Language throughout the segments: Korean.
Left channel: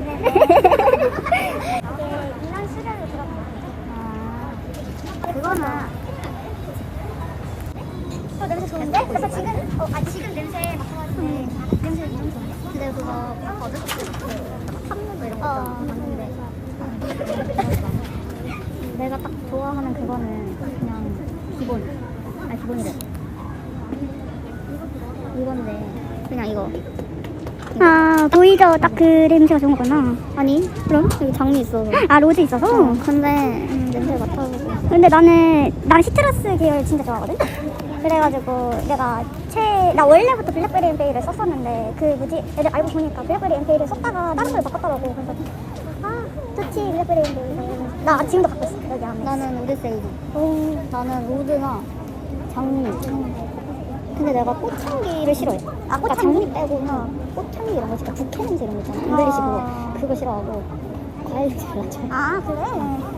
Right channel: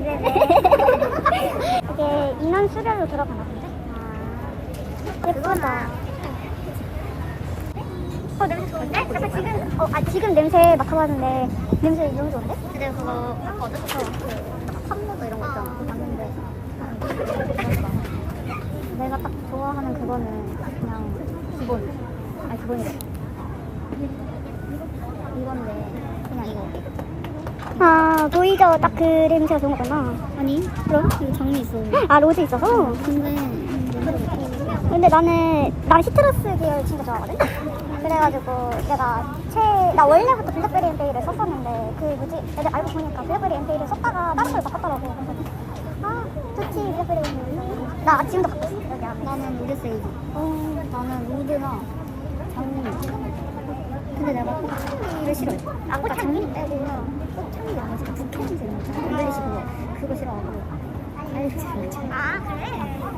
이게 인원 수료로 들어가나 본데? 예쁘다. 어 냄새 좋은데? 그래서 지금 어, 아 지금 냄새 맡아봤는데 냄새 너무 좋은데? 근데 그거 어. 내가 딱 좋아하는 그거는 그냥 기본 아니 기본이래 이건데 그냥 이거 아 오히려 딱그 냄새가 좋은 거구나. 아니 그럼? 여기 장미 있어. 아 로즈 있어서? 어 근데 음, 냄새 맡아보고 근데 나는 난 시트러스 계를 진짜 좋아하거든? 그래가지고 내가 최나 원래부터 블랙베리 베이를 썼었는데 그 뭐지? 애들 알고 보니까 블랙베리 베이를 썼다가 다른 걸 바꿨더라고. 그치 블랙베리 베이 나 지금도 바꿨어. 나는 오데세이지 나는 로즈나 장미 근데 내가 꽃향기를 싫어해. 아, 그러니까 장미 빼고나 꽃향기 이런 거 진짜 부터 냄새 이런 거 있잖아. 인도리시 그거 그거 싫어하고 과일 잘안 좋아해. 아 그래?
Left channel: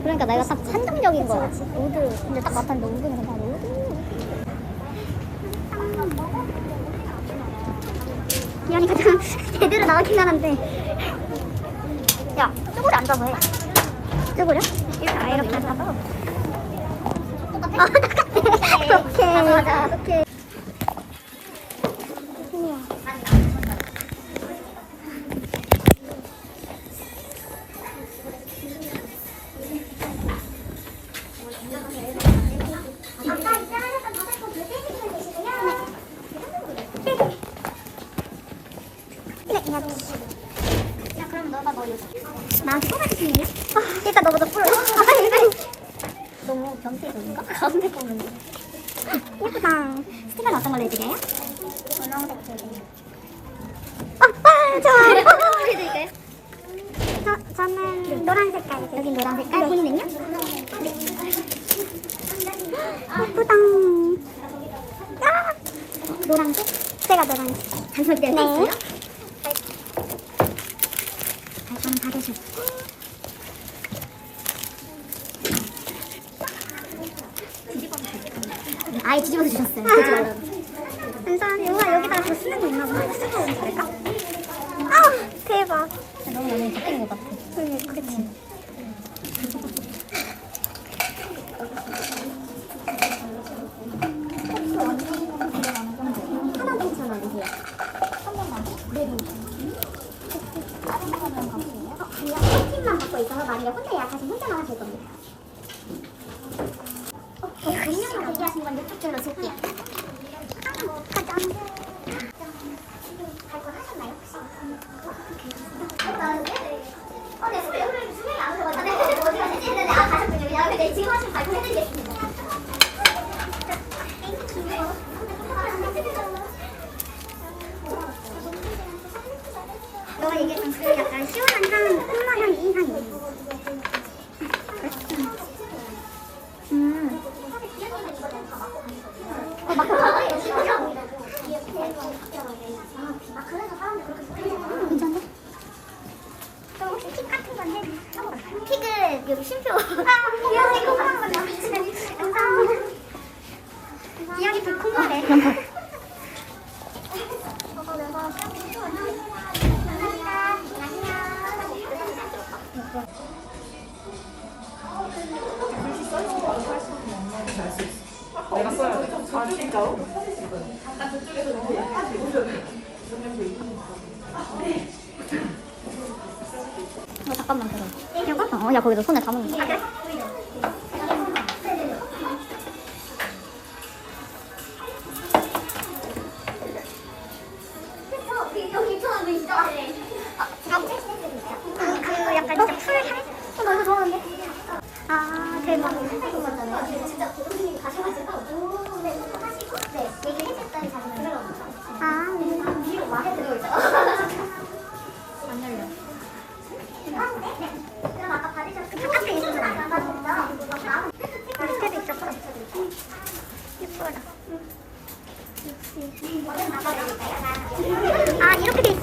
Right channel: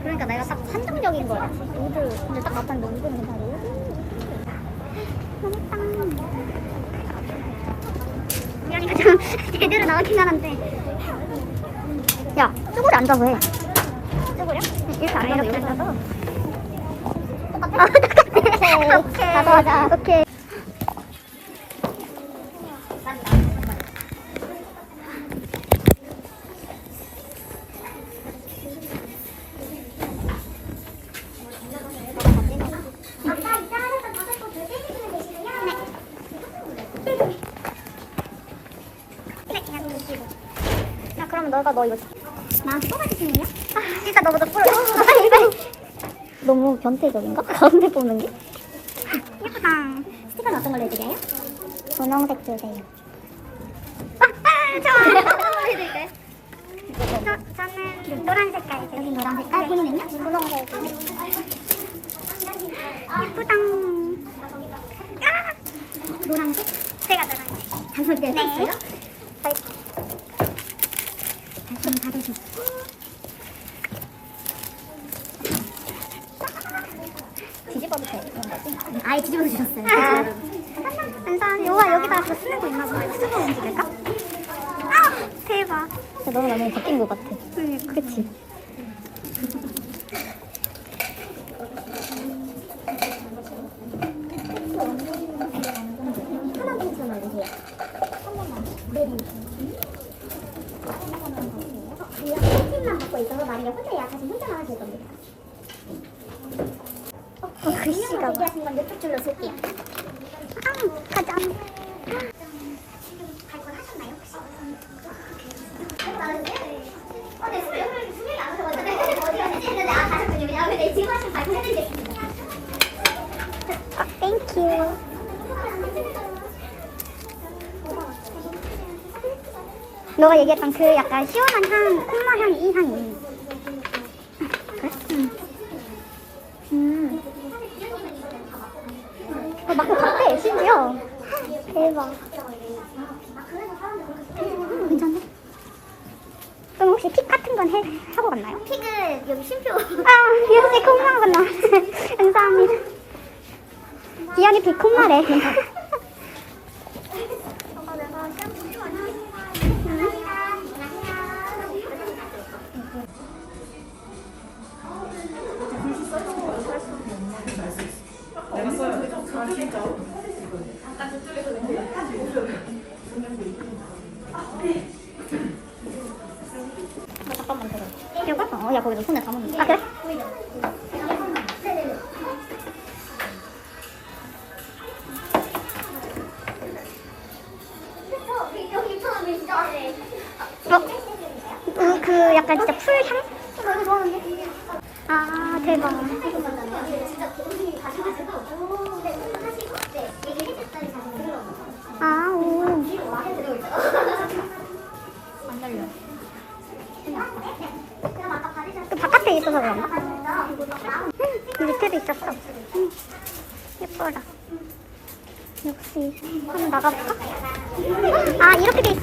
그러니까 내가 딱 선정적인 거야. 로드 근데 딱 로드는 그냥 로드. 이런 가장 제대로 나오긴 하는데. 야, 쭈구리 앉아서 해. 쭈구리? 이렇게, 이렇게 앉아서. 아, 오케이. 오케이. 너 이거 나 뽑아줄 수 있냐? 아, 일단 너부터 뽑아. 아, 빨리 빨리. 너무 변태적인가? 가운데 뽑는 게. 예쁘다. 스티커는 어떤 걸로 해드려요? 분홍색 주세요. 아, 아, 좋아. 해드릴까요? 저, 저는 노란 색깔. 여긴 노란 색깔. 본인은요? 예쁘다. 아, 노란색? 제가 노란색. 단솔 때 네. 저는 받으시고. 아예 뒤집어서 주셨어요. 감사합니다. 요가 여기다가 그 쓰는 거 있나 봐. 이거 쓰고 움직일까? 아 대박. 너무 많이 바뀐 것 같아. 응, 그치. 하나 괜찮아 주세요. 한 번만. 네, 네. 다른 거는 받으세요? 어, 그냥 한 팀만 만약에 혼자 예약하시면 혼자만 하실 겁니다. 어, 그림이가 얘기하신 건 이쪽 줄로 줄게요. 아, 가자. 발권 하셨나요 혹시? 땡큐. 너가 얘기했던 그 약간 시원한 향, 콩나 향, 이 향이. 음.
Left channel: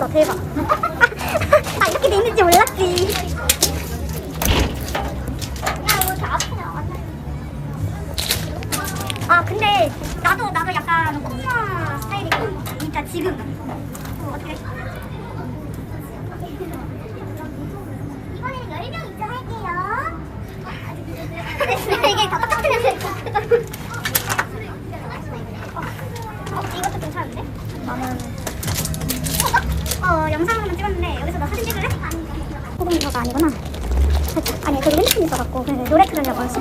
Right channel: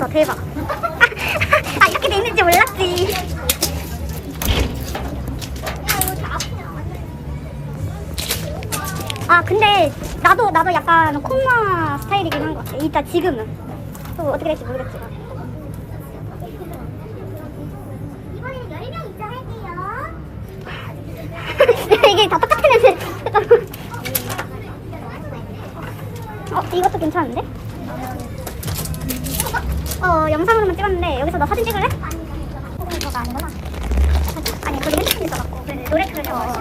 대박 아 이렇게 돼 있는지 몰랐지 아 근데 나도 나도 약간 콩마 스타일이긴 한 거. 일단 그러니까 지금은 또 어떻게 될지 되지? 어, 이것도 괜찮은데? 찍었는데 여기서 너 사진 찍을래? 이거 아니구나. 아니 그 링크를 받았고 노래 틀으려고 했어.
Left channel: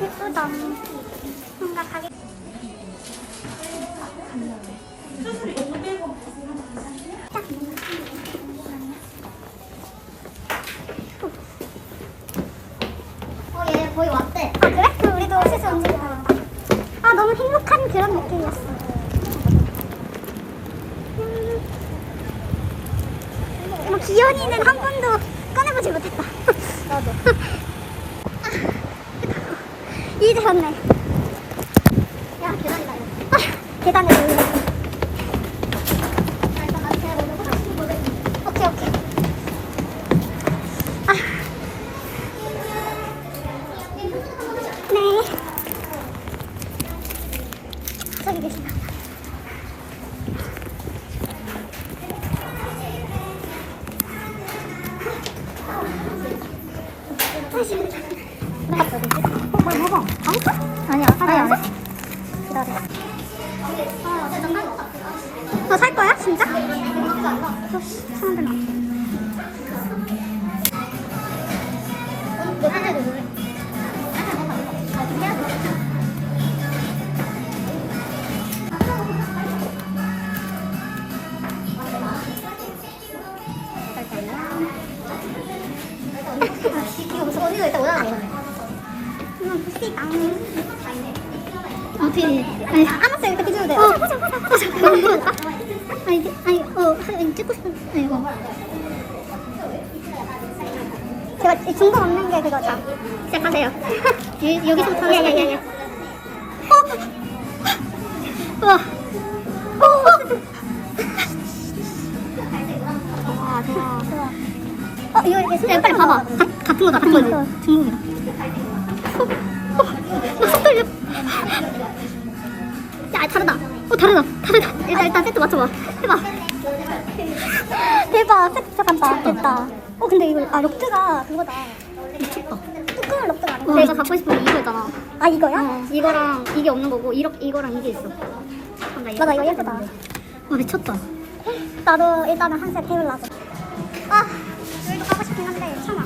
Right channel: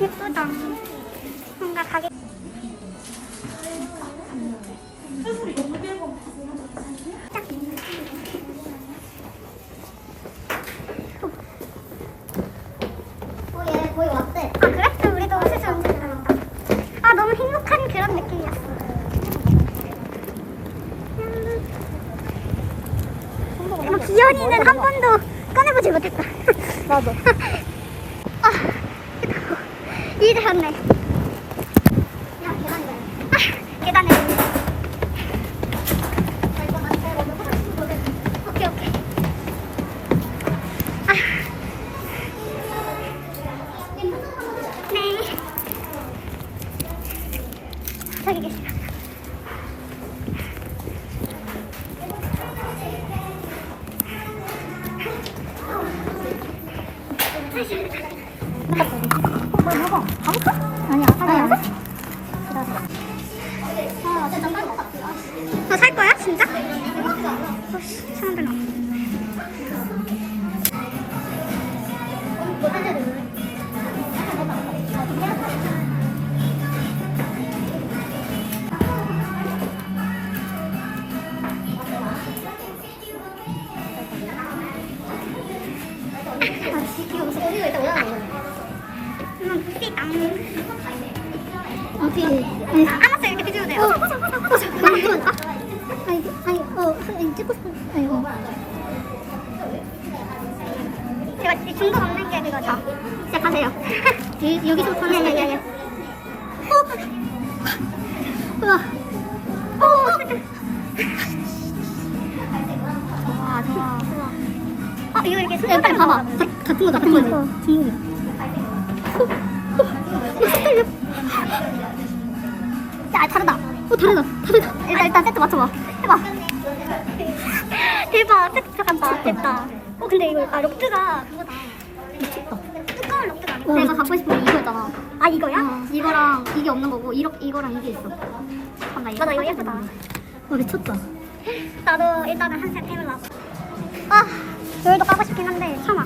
예쁘다. 뭔가 가게. 그런 느낌이었어. 음. 뭐, 기현이는 한 번도 꺼내보지 못했다. 나도. 아, 이제 졌네. 어, 살 거야? 진짜? 어, 사람들 많아. 이거 무슨 어디가 일단 올라가 음, 부시다. 어떻게? 아니, 알았어 이렇게 드셔도 돼요. 어, 보자, 보자, 보자. 나는 찍을까? 아니, 아니, 어, 아니, 찍고 싶은, 아니, 이거. 제가 이 중독 없는 게 그거죠. 시작하세요. 이, 여기서부터. 예, 예, 예, 예. 어. 우와. 어. 좋아, 좋아. 어, 이거 이렇게 야, 빨리 봐봐. 다, 같은 거다, 같은 거지. 중국이다. 다르다. 어, 다르다. 다르다. 일단, 일단 세트 맞춰봐. 해봐. 대박. 세트 들어간다. 됐다. 어, 근데 이거, 아, 록드가 그거다. 미쳤다. 두꺼운 록드가 아니고. 내가 갖고 싶은 게 이거였잖아. 아, 이거야? 어, 이거랑 이게 없는 거고 이렇, 이거랑 이게 있어. 아, 나 이거 맞아, 이거 사야 예쁘다. 되는데. 와 미쳤다. 나도 일단은 한셋 해보려고. 아, 여기도 가고 싶긴 한데, 참아.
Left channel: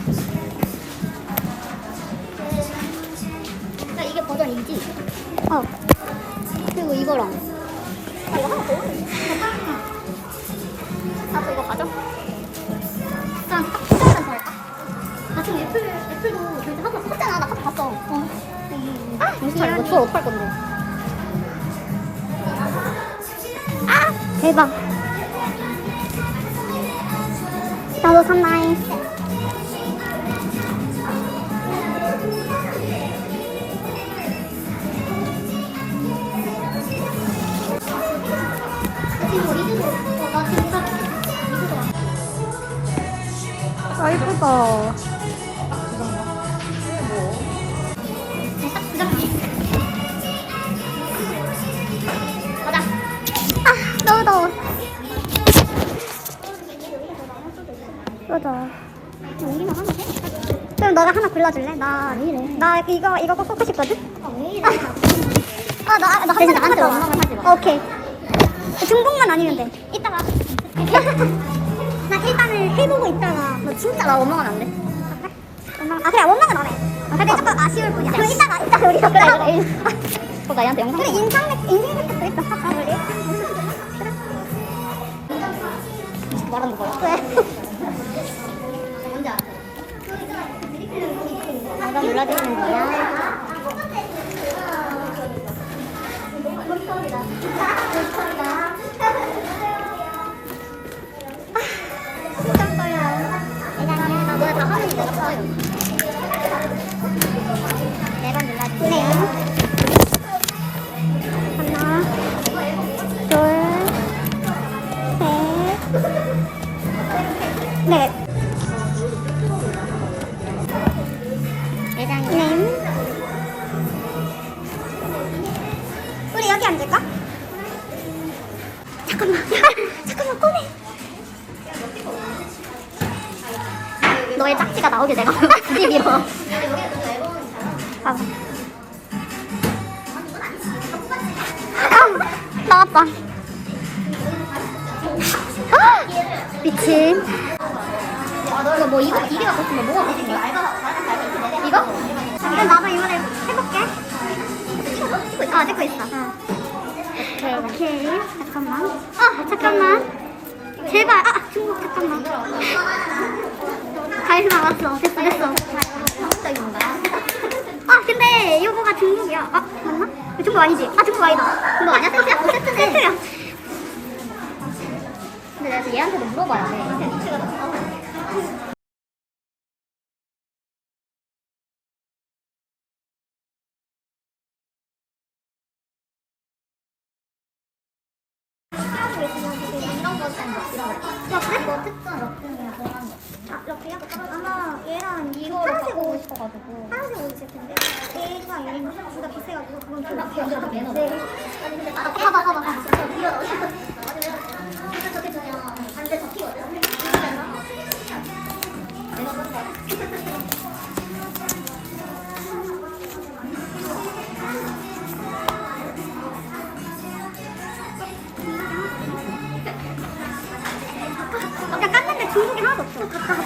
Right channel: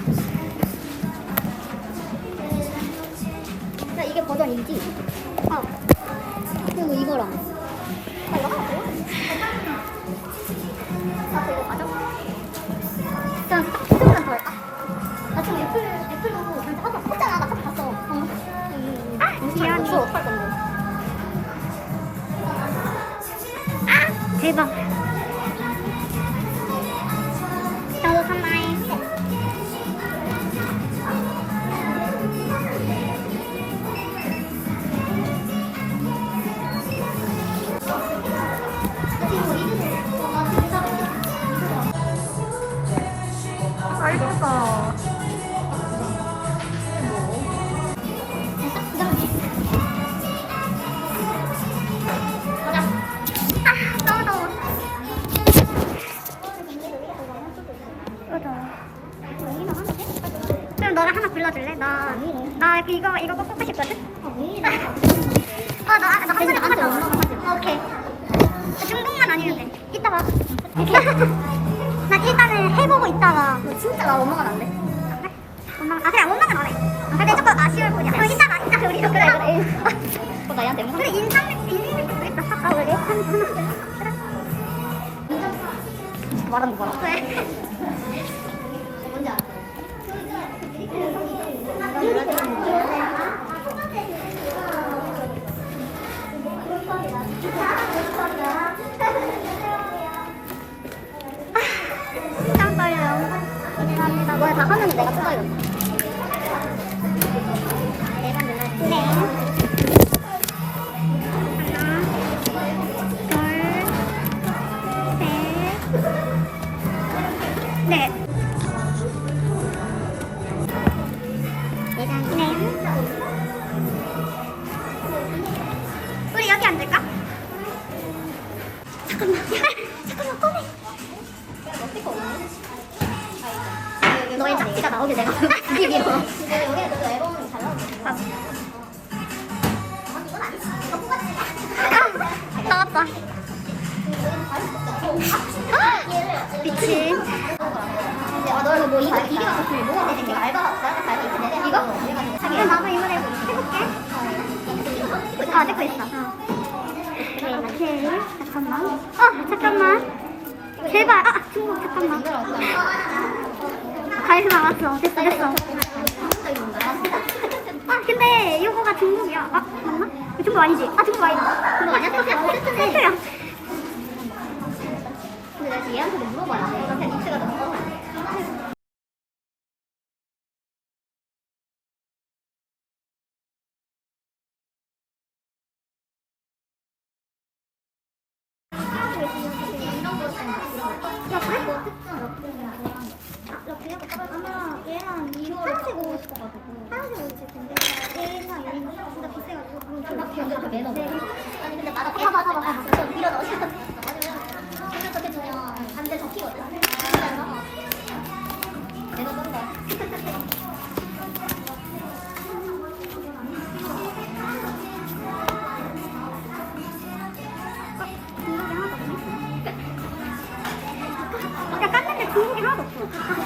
야 이게 버전 2지? 어. 그리고 이거랑. 이거 더워. 그럼 너가 하나 골라줄래? 나, 나 이거, 이거 꼭 뽑고 싶거든? 아, 나, 나 한마디 뽑았잖아. 오케이. 중복만 아니면 돼. 이따 봐. 나 일단은 해보고 있다가. 너 진짜 나 원망은 안 돼? 아? 원망, 아, 그래, 원망은 안 해. 근데 조금 아쉬울 뿐이야. 그럼 이따가, 이따가 우리 그래, 그래. 또 나한테 영상. 그래, 인상, 있다. 할까, 우리? 그래. 말하는 거 봐라. 왜? 눌러드리는 거야. 심장 떨려. 감사합니다. 너네 다 하면 내가 사요. 아, 나왔다. 아, 미친. 이거? 그럼 나도 이번에 해볼게. 아, 찍고 있어. 오케이. 잠깐만. 아, 잠깐만. 제발. 아, 중국 잠깐만. 가위나 왔어. 됐어, 됐어. 아, 근데 이거가 중국이야. 아, 맞나? 중국 아니지? 아, 중국 아니다. 그거 아니야? 뭐 세트인데? 세트야. 근데 내가 물어봐야 돼. 야, 그래? 아마 얘랑 이거 파란색 오고 싶어가지고 오고 싶을 텐데 얘는 진 봐봐 야 깠는데 중국이 하나도 없어